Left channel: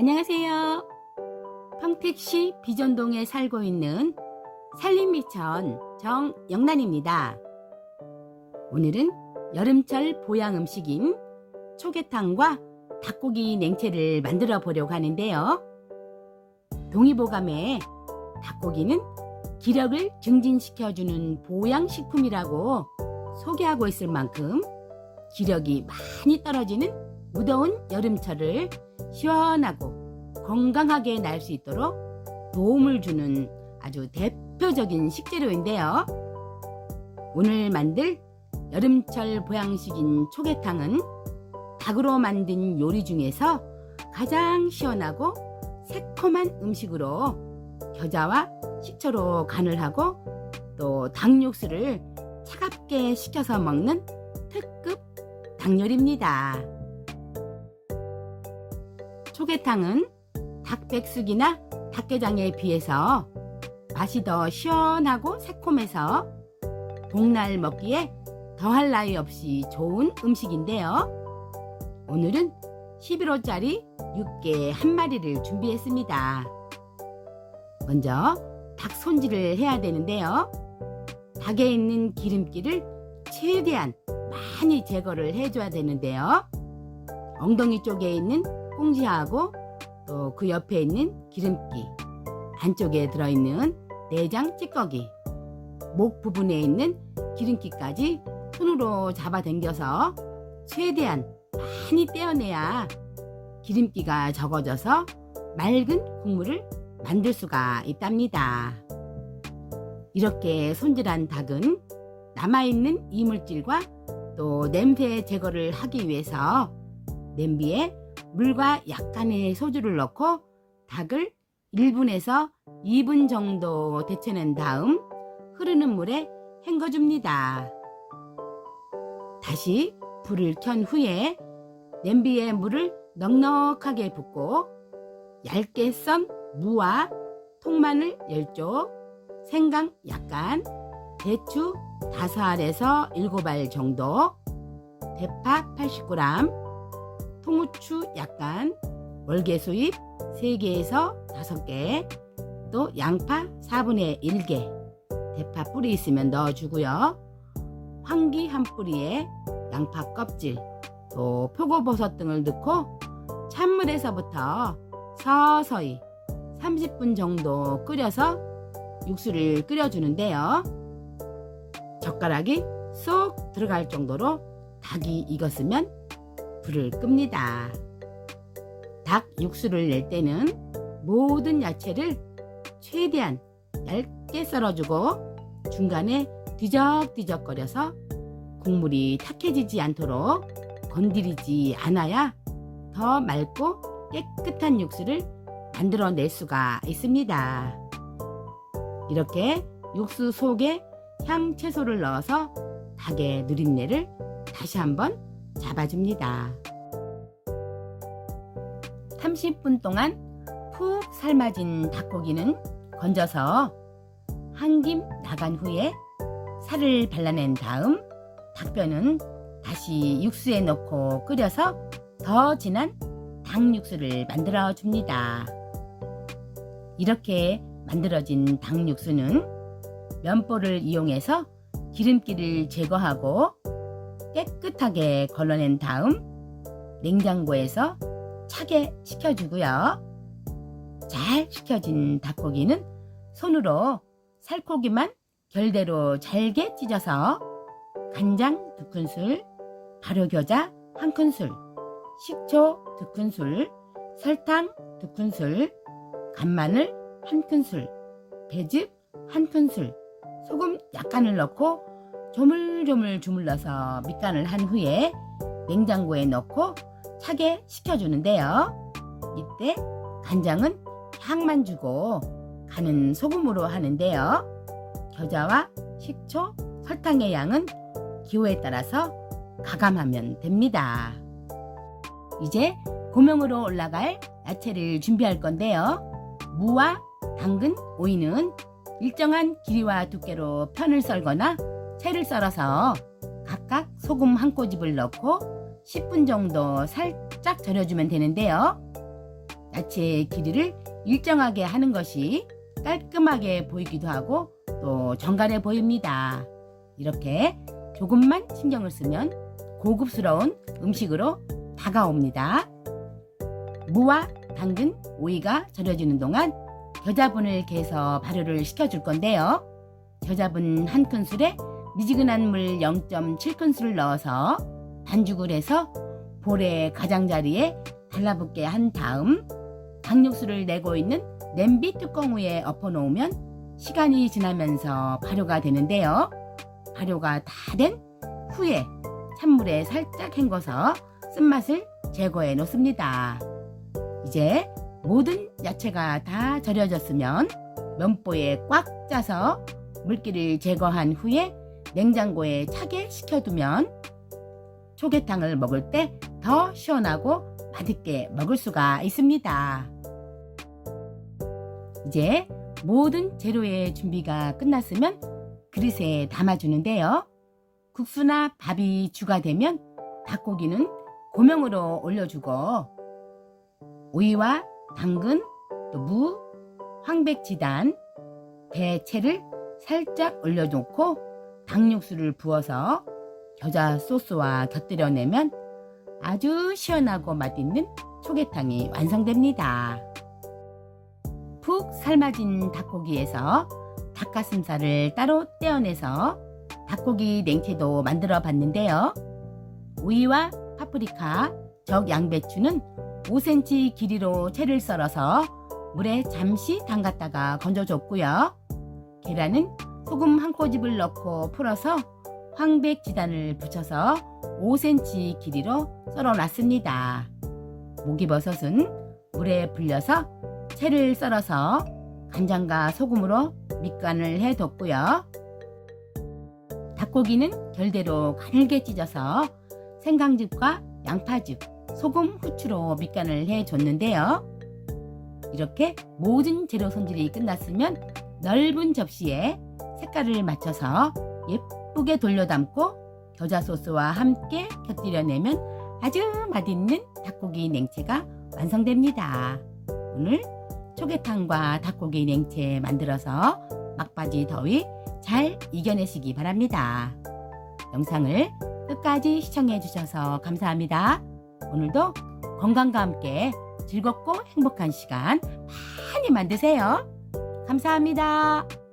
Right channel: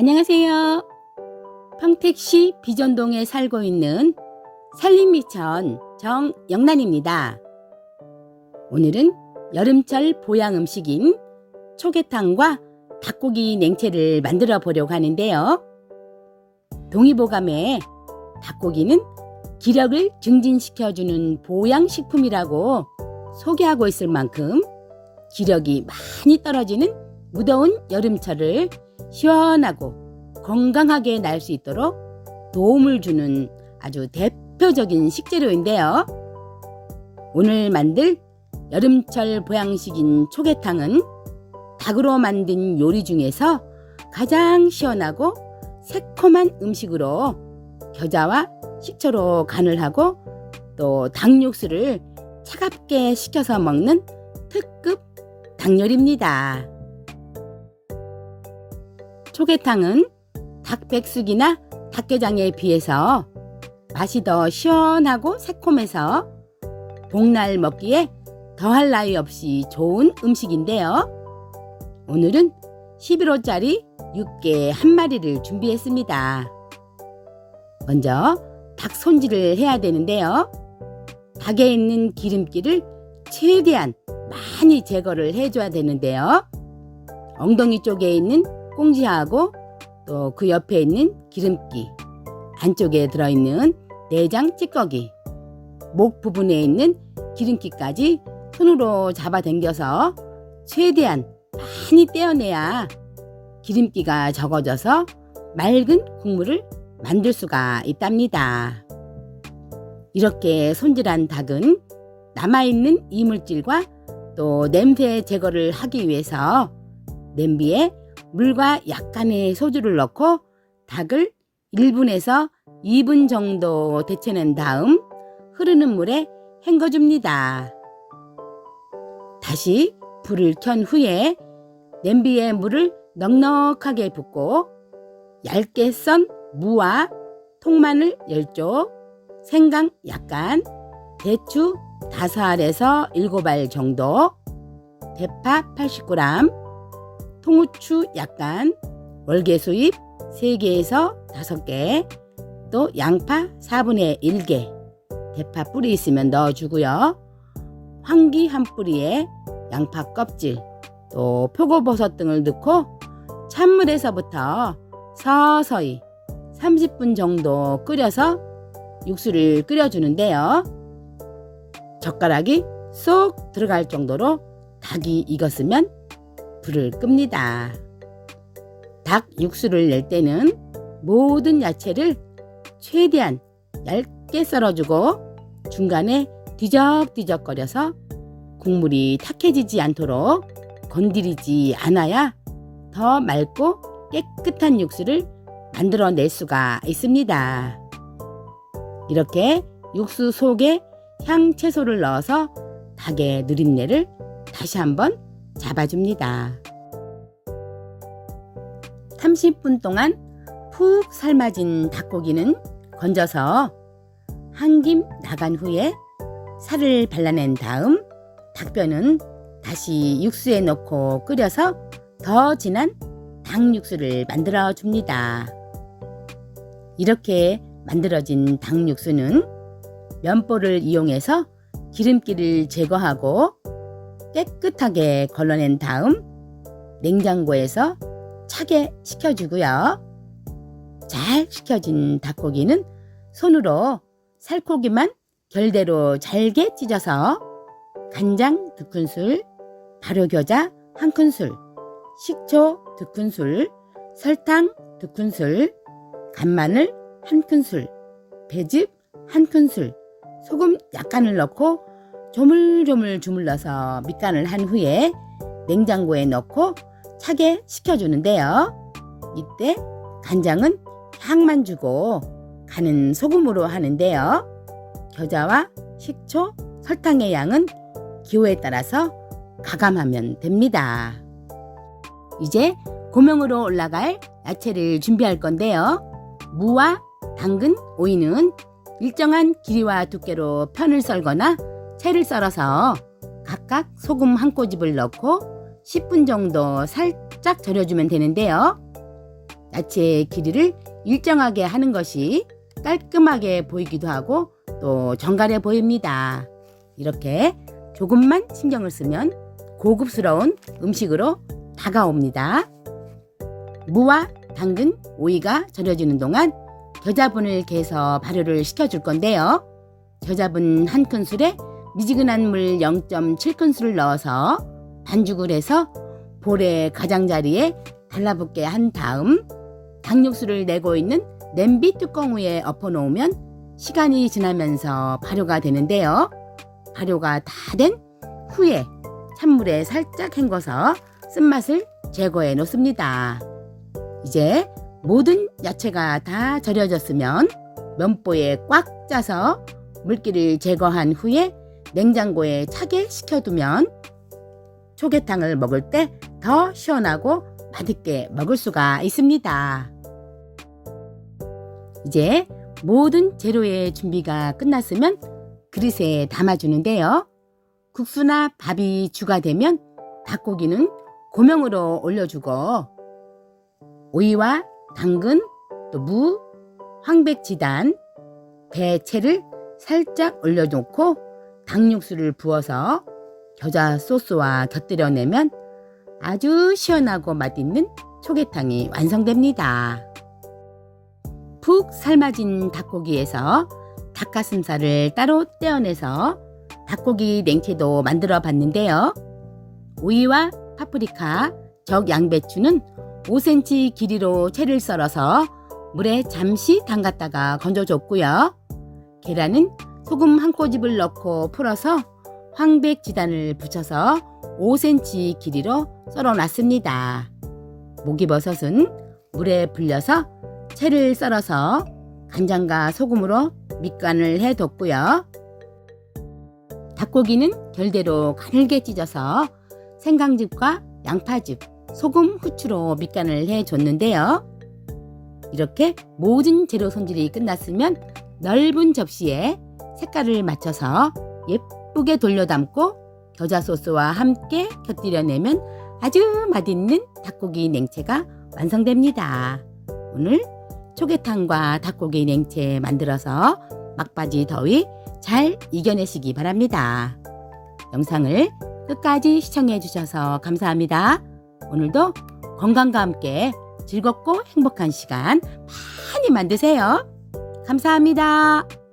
안녕하세요. 평택시 비전동에 살고 있는 산림미천 정영란입니다. 오늘은 여름철 보양 음식인 초계탕과 닭고기 냉채를 만들어 보려고 하는데요. 동의보감에 닭고기는 기력을 증진시켜주는 보양식품이라고 소개하고 있을 만큼 기력이 많이 떨어지는 무더운 여름철을 시원하고 건강하게 날 수 있도록 도움을 주는 아주 대표적인 식재료인데요. 오늘 만들 여름철 보양식인 초계탕은 닭으로 만든 요리 중에서 가장 시원하고 새콤한 음식으로 겨자와 식초로 간을 하고 또 닭육수를 차갑게 식혀서 먹는 특급 닭요리입니다. 초계탕은 닭백숙이나 닭게장에 비해서 맛이 더 시원하고 새콤해서 복날 먹기에 더할 나위 없이 좋은 음식인데요. 오늘은 11호짜리 육개 한 마리를 준비했습니다. 먼저 닭 손질을 해야 되는데요. 닭에 있는 기름기를 최대한 많이 제거를 해줘야 되는데요. 엉덩이 쪽에 있는 꽁지하고 또 그 옆에 있는 기름기, 안쪽에 들어있는 내장 찌꺼기, 목 부분에 있는 기름기까지 손으로 잡아당겨서 최대한 많이 떼어내야 기름기가 적어져서 맑은 국물을 만들 수가 있답니다. 이렇게 손질한 닭은 남아있는 이물질과 또 냄새 제거를 하기 위해서 냄비에 물과 약간의 소주를 넣고 닭을 1분에서 2분 정도 데쳐낸 다음 흐르는 물에 헹궈줍니다. 다시 불을 켠 후에 냄비에 물을 넉넉하게 붓고 얇게 썬 무와 통마늘 10쪽, 생강 약간, 대추 5알에서 7알 정도, 대파 80g, 통후추 약간, 월계수잎 3개에서 5개, 또 양파 4분의 1개, 대파 뿌리 있으면 넣어주고요. 황기 한 뿌리에 양파 껍질, 또 표고버섯 등을 넣고 찬물에서부터 서서히 30분 정도 끓여서 육수를 끓여주는데요. 젓가락이 쏙 들어갈 정도로 닭이 익었으면 불을 끕니다. 닭 육수를 낼 때는 모든 야채를 최대한 얇게 썰어주고 중간에 뒤적뒤적거려서 국물이 탁해지지 않도록 건드리지 않아야 더 맑고 깨끗한 육수를 만들어낼 수가 있습니다. 이렇게 육수 속에 향채소를 넣어서 닭의 누린내를 다시 한번 잡아줍니다. 30분 동안 푹 삶아진 닭고기는 건져서 한 김 나간 후에 살을 발라낸 다음 닭뼈는 다시 육수에 넣고 끓여서 더 진한 닭 육수를 만들어 줍니다. 이렇게 만들어진 닭 육수는 면보를 이용해서 기름기를 제거하고 깨끗하게 걸러낸 다음 냉장고에서 차게 식혀주고요. 잘 식혀진 닭고기는 손으로 살코기만 결대로 잘게 찢어서 간장 두 큰술, 발효겨자 한 큰술, 식초 두 큰술, 설탕 두 큰술, 간마늘 한 큰술, 배즙 한 큰술, 소금 약간을 넣고 조물조물 주물러서 밑간을 한 후에 냉장고에 넣고 차게 식혀주는데요. 이때 간장은 향만 주고 간은 소금으로 하는데요. 겨자와 식초, 설탕의 양은 기호에 따라서 가감하면 됩니다. 이제 고명으로 올라갈 야채를 준비할 건데요. 무와 당근, 오이는 일정한 길이와 두께로 편을 썰거나 채를 썰어서 각각 소금 한 꼬집을 넣고 10분 정도 살짝 절여주면 되는데요. 야채의 길이를 일정하게 하는 것이 깔끔하게 보이기도 하고 또 정갈해 보입니다. 이렇게 조금만 신경을 쓰면 고급스러운 음식으로 다가옵니다. 무와 당근, 오이가 절여지는 동안 겨자분을 개서 발효를 시켜줄 건데요. 겨자분 한 큰술에 미지근한 물 0.7큰술을 넣어서 반죽을 해서 볼의 가장자리에 달라붙게 한 다음 당육수를 내고 있는 냄비 뚜껑 위에 엎어 놓으면 시간이 지나면서 발효가 되는데요. 발효가 다 된 후에 찬물에 살짝 헹궈서 쓴맛을 제거해 놓습니다. 이제 모든 야채가 다 절여졌으면 면보에 꽉 짜서 물기를 제거한 후에 냉장고에 차게 식혀두면 초계탕을 먹을 때 더 시원하고 맛있게 먹을 수가 있습니다. 이제 모든 재료의 준비가 끝났으면 그릇에 담아주는데요. 국수나 밥이 주가 되면 닭고기는 고명으로 올려주고 오이와 당근, 또 무, 황백지단, 대채를 살짝 올려놓고 닭육수를 부어서 겨자 소스와 곁들여 내면 아주 시원하고 맛있는 초계탕이 완성됩니다. 푹 삶아진 닭고기에서 닭가슴살을 따로 떼어내서 닭고기 냉채도 만들어 봤는데요. 오이와 파프리카, 적 양배추는 5cm 길이로 채를 썰어서 물에 잠시 담갔다가 건져줬고요. 계란은 소금 한 꼬집을 넣고 풀어서 황백 지단을 붙여서 5cm 길이로 썰어 놨습니다. 목이버섯은 물에 불려서 채를 썰어서 간장과 소금으로 밑간을 해 뒀고요. 닭고기는 결대로 가늘게 찢어서 생강즙과 양파즙, 소금, 후추로 밑간을 해 줬는데요. 이렇게 모든 재료 손질이 끝났으면 넓은 접시에 색깔을 맞춰서 예쁘게 돌려 담고 겨자 소스와 함께 곁들여내면 아주 맛있는 닭고기 냉채가 완성됩니다. 오늘 초계탕과 닭고기 냉채 만들어서 막바지 더위 잘 이겨내시기 바랍니다. 영상을 끝까지 시청해 주셔서 감사합니다. 오늘도 건강과 함께 즐겁고 행복한 시간 많이 만드세요. 감사합니다.